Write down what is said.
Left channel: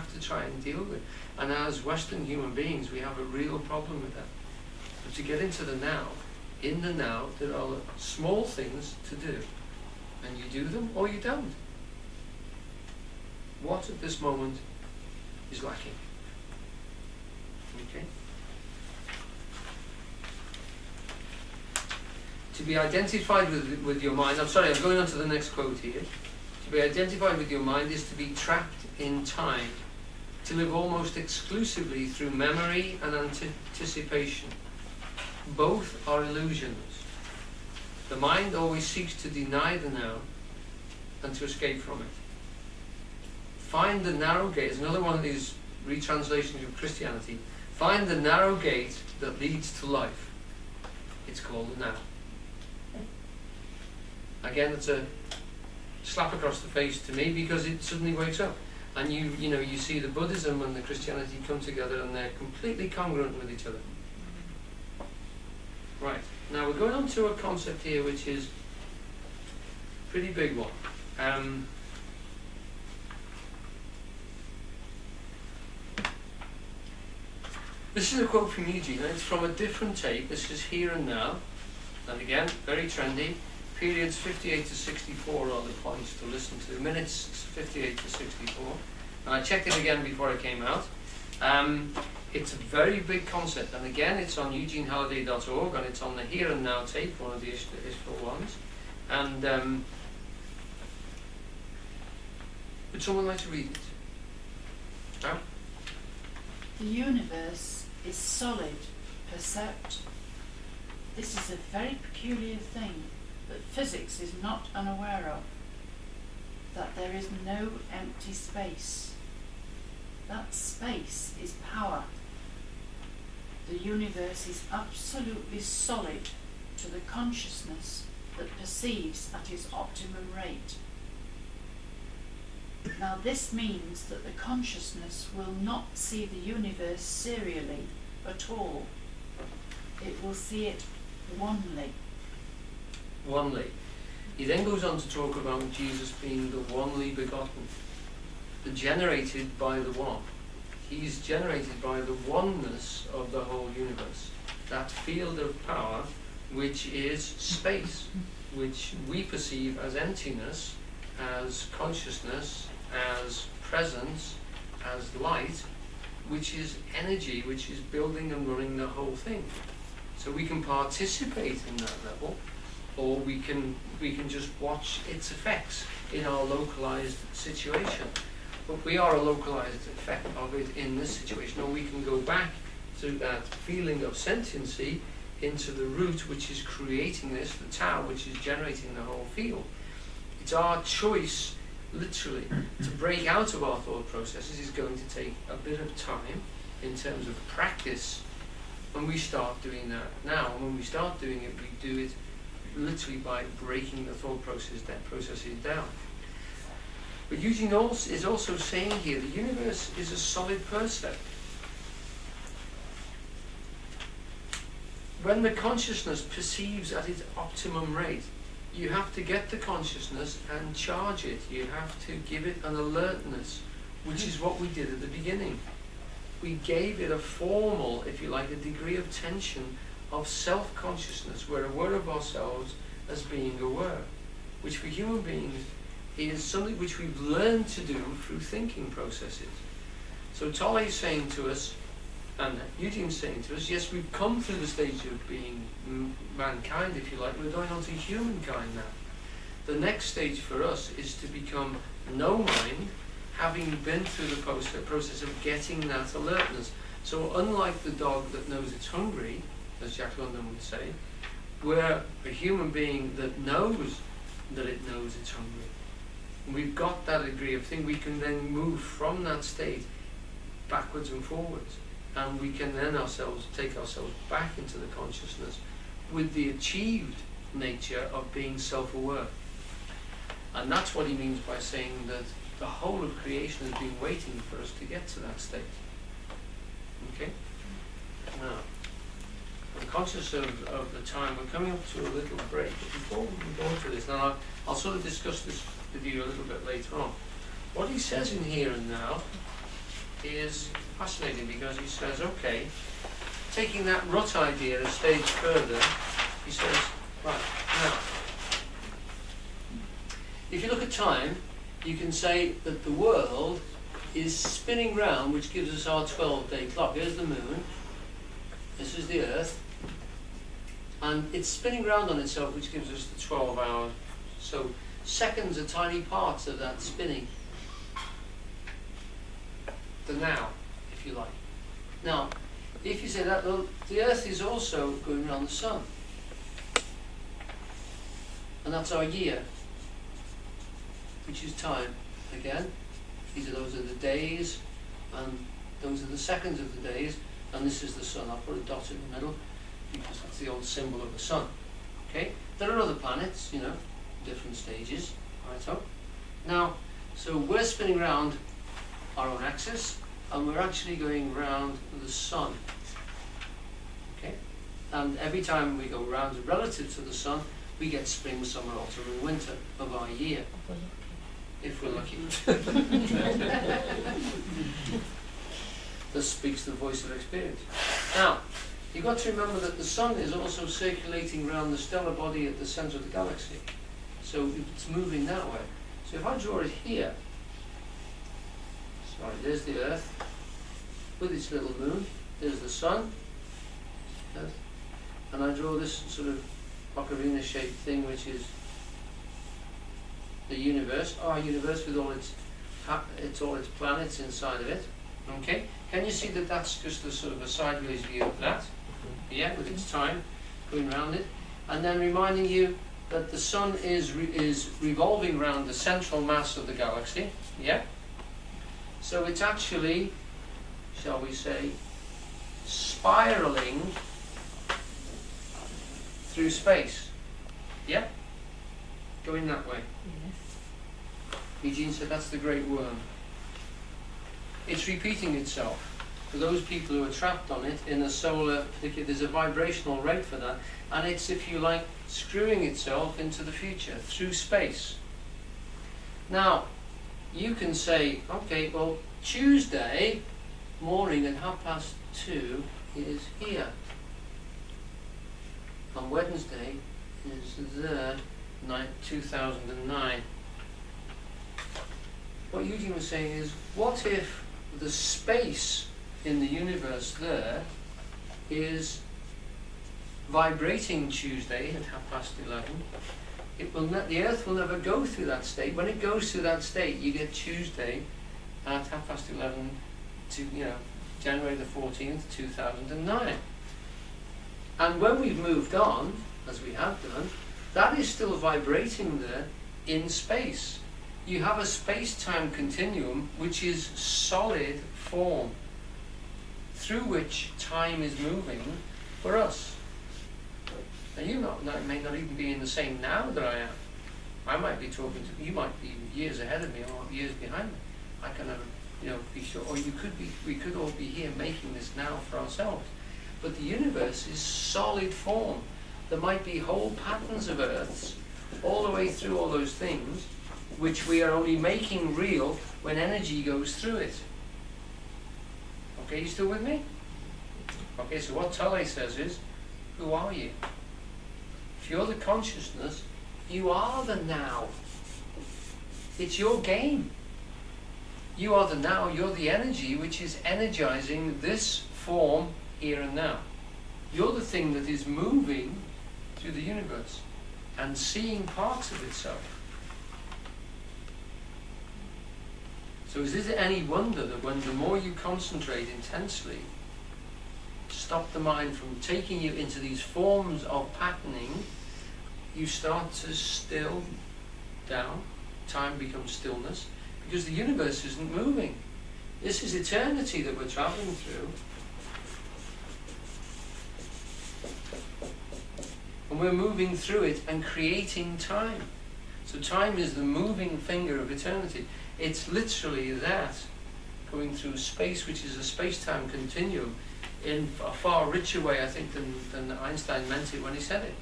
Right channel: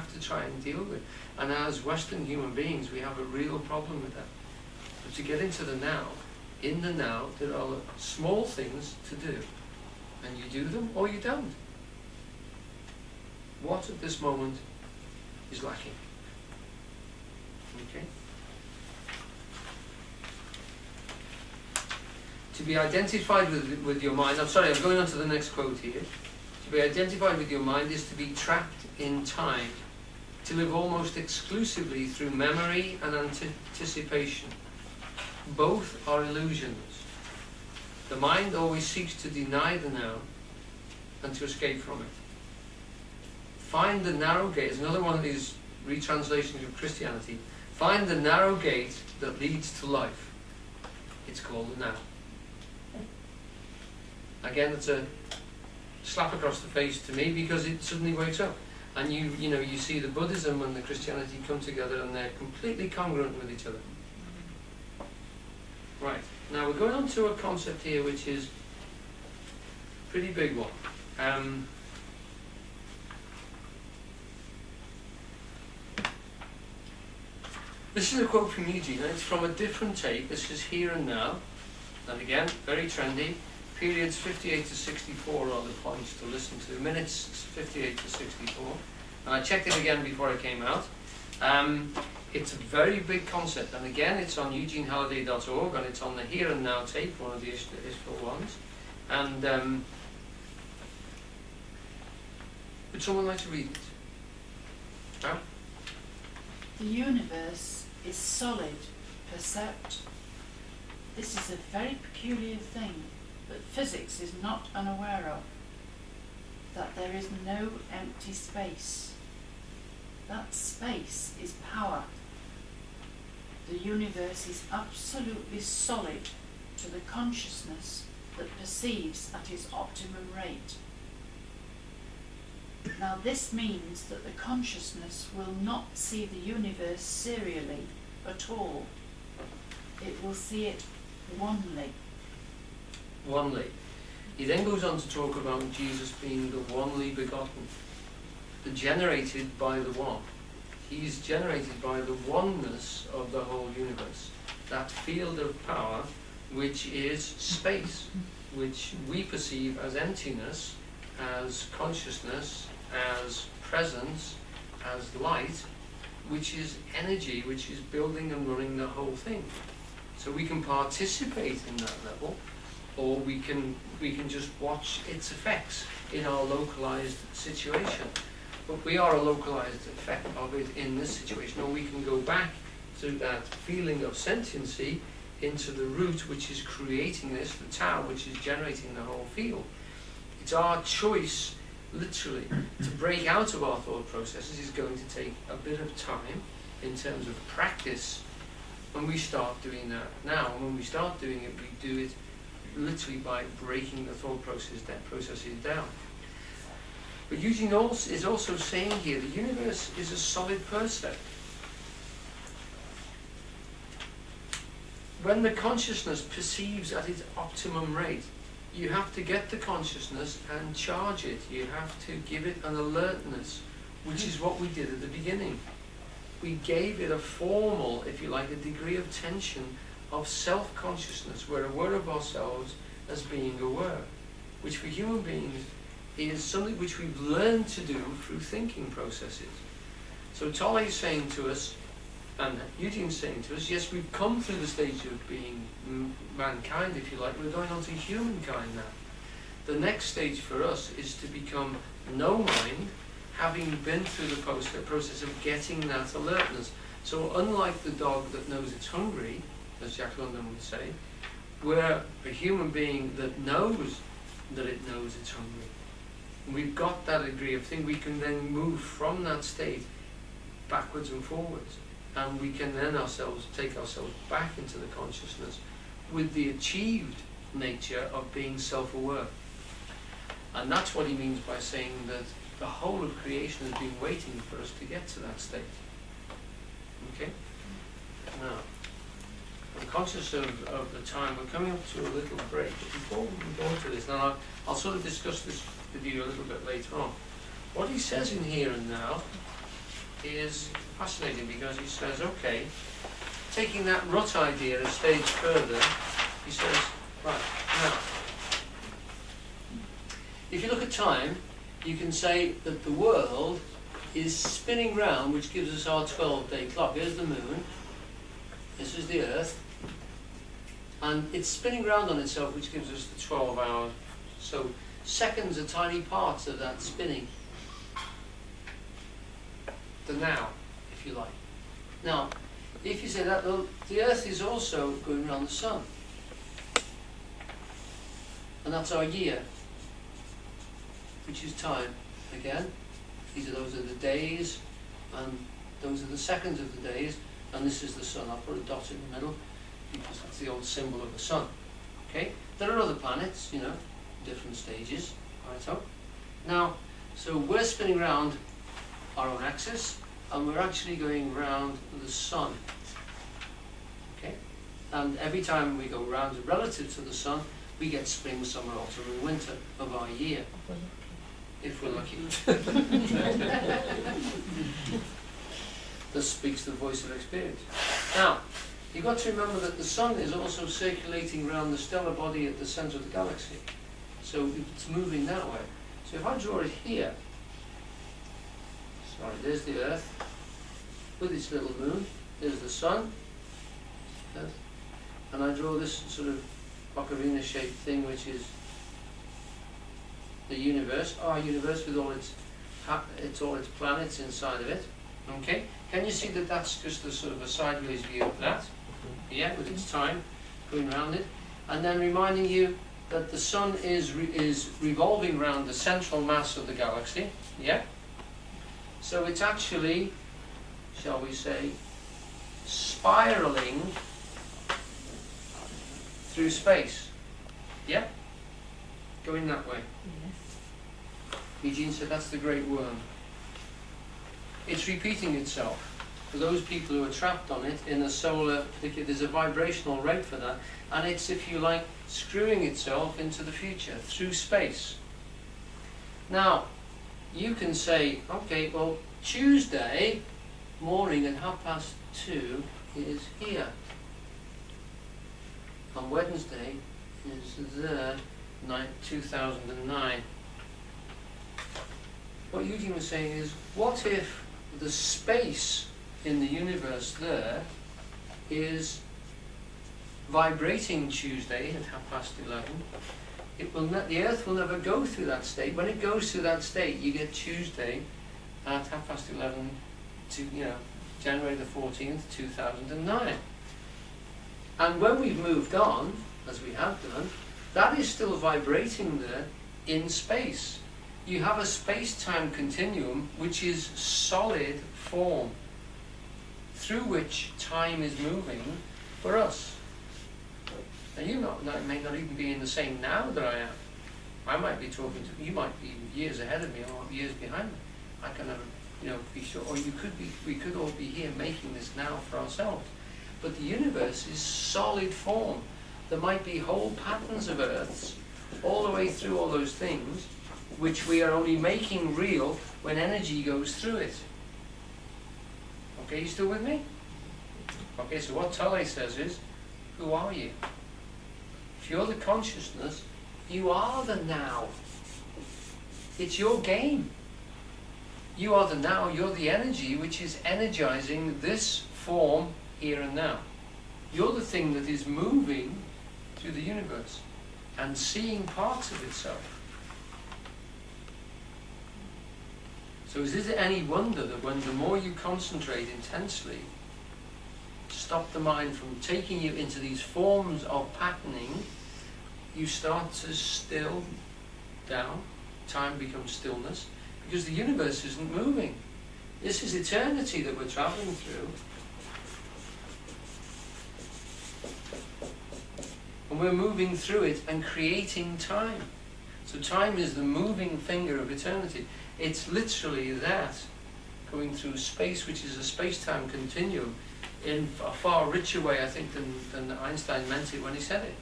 have to try and deal with. And as Western human beings, we have a real problem with that. But to get into the now, in the now, there are small things to do. And you do them or you don't. What at this moment is lacking? Okay? To be identified with your mind, I'm sorry, I'm going on to the next quote here. To be identified with your mind is to be trapped in time, to live almost exclusively through memory and anticipation. Both are illusions. The mind always seeks to deny the now and to escape from it. Find the narrow gate, is another one of these retranslations of Christianity. Find the narrow gate that leads to life. It's called the now. Again, it's a slap across the face to me because it suddenly wakes up. And you see the Buddhism and the Christianity come together and they're completely congruent with each other. Right, now we're going on to a concept here which is a pretty big one. This is a quote from Eugene, and it's from a different take. This is Here and Now, and again, very trendy. Periods 58 to 64 are the points to listen to. Minutes 58 to 64. And I checked it again before I came out. It's a very big concept, and again, it's on eugenehalliday.org, and it's on the Here and Now tape, one of the Ishville ones. And would someone like to read it? No? The universe is solid, percept. This is a very peculiar thing that physics is not unaware of, that there is no empty space. That space is power. The universe is absolutely solid to the consciousness that perceives at its optimum rate. Now this means that the consciousness will not see the universe serially at all. It will see it onely. Onely. He then goes on to talk about Jesus being the only begotten, the generated by the one. He's generated by the oneness of the whole universe. That field of power, which is space, which we perceive as emptiness, as consciousness, as presence, as light, which is energy, which is building and running the whole thing. So we can participate in that level, or we can just watch its effects in our localized situation. But we are a localized effect of it in this situation, or we can go back to that feeling of sentiency into the root which is creating this, the Tao which is generating the whole field. It's our choice, literally, to break out of our thought processes is going to take a bit of time in terms of practice when we start doing that now. And when we start doing it, we do it literally by breaking the thought processes down. But Eugene is also saying here, the universe is a solid percept. When the consciousness perceives at its optimum rate, you have to get the consciousness and charge it. You have to give it an alertness, which is what we did at the beginning. We gave it a formal, if you like, a degree of tension of self-consciousness. We're aware of ourselves as being aware, which for human beings is something which we've learned to do through thinking processes. So Tolle is saying to us, and Eugene's saying to us, yes, we've come through the stage of being mankind, if you like. We're going on to humankind now. The next stage for us is to become no mind, having been through the process of getting that alertness. So unlike the dog that knows it's hungry, as Jack London would say, we're a human being that knows that it knows it's hungry. And we've got that degree of thing. We can then move from that state backwards and forwards. And we can then take ourselves back into the consciousness with the achieved nature of being self-aware. And that's what he means by saying that the whole of creation has been waiting for us to get to that state. Okay? Now, I'm conscious of the time. We're coming up to a little break. But before we go into this, now I'll sort of discuss this with you a little bit later on. What he says in Here and Now is fascinating because he says, okay, taking that rut idea a stage further, he says, right, now, if you look at time, you can say that the world is spinning round, which gives us our 12-day clock. Here's the moon, this is the earth, and it's spinning round on itself, which gives us the 12 hours. So seconds are tiny parts of that spinning. The now, if you like. Now, if you say that, the earth is also going around the sun. And that's our year, which is time. Again, those are the days, and those are the seconds of the days, and this is the sun. I'll put a dot in the middle, because that's the old symbol of the sun. Okay? There are other planets, you know, different stages. Right, so now, so we're spinning around our own axis, and we're actually going round the sun. Okay? And every time we go round relative to the sun, we get spring, summer, autumn, and winter of our year. If we're lucky. This speaks the voice of experience. Now, you've got to remember that the sun is also circulating around the stellar body at the centre of the galaxy. So it's moving that way. So if I draw it here, sorry, there's the Earth with its little moon, there's the sun, Earth, and I draw this sort of ocarina shaped thing which is the universe, our universe with all its planets inside of it. Okay, can you see that that's just a sort of a sideways view of that? Yeah, with its time going around it, and then reminding you that the sun is revolving around the central mass of the galaxy. Yeah, so it's actually, shall we say, spiraling through space. Yeah, going that way. Eugene said that's the great worm. It's repeating itself. For those people who are trapped on it in a solar, there's a vibrational rate for that, and it's, if you like, screwing itself into the future through space. Now, you can say, okay, well, Tuesday morning at 2:30 is here, and Wednesday is there, 2009. What Eugene was saying is, what if the space in the universe there is vibrating Tuesday at 11:30? It will the Earth will never go through that state. When it goes through that state, you get Tuesday at 11:30 to, you know, January the 14th, 2009. And when we've moved on, as we have done, that is still vibrating there in space. You have a space-time continuum which is solid form through which time is moving for us. And you may not even be in the same now that I am. I might be talking to you, might be years ahead of me or years behind me. I can never, you know, be sure. Or you could be. We could all be here making this now for ourselves. But the universe is solid form. There might be whole patterns of Earths all the way through all those things, which we are only making real when energy goes through it. Okay, you still with me? Okay, so what Tolle says is, who are you? If you're the consciousness, you are the now. It's your game. You are the now, you're the energy which is energizing this form here and now. You're the thing that is moving through the universe and seeing parts of itself. So is it any wonder that when the more you concentrate intensely, stop the mind from taking you into these forms of patterning, you start to still down, time becomes stillness, because the universe isn't moving. This is eternity that we're traveling through. And we're moving through it and creating time. So time is the moving finger of eternity. It's literally that, going through space, which is a space-time continuum, in a far richer way, I think, than Einstein meant it when he said it.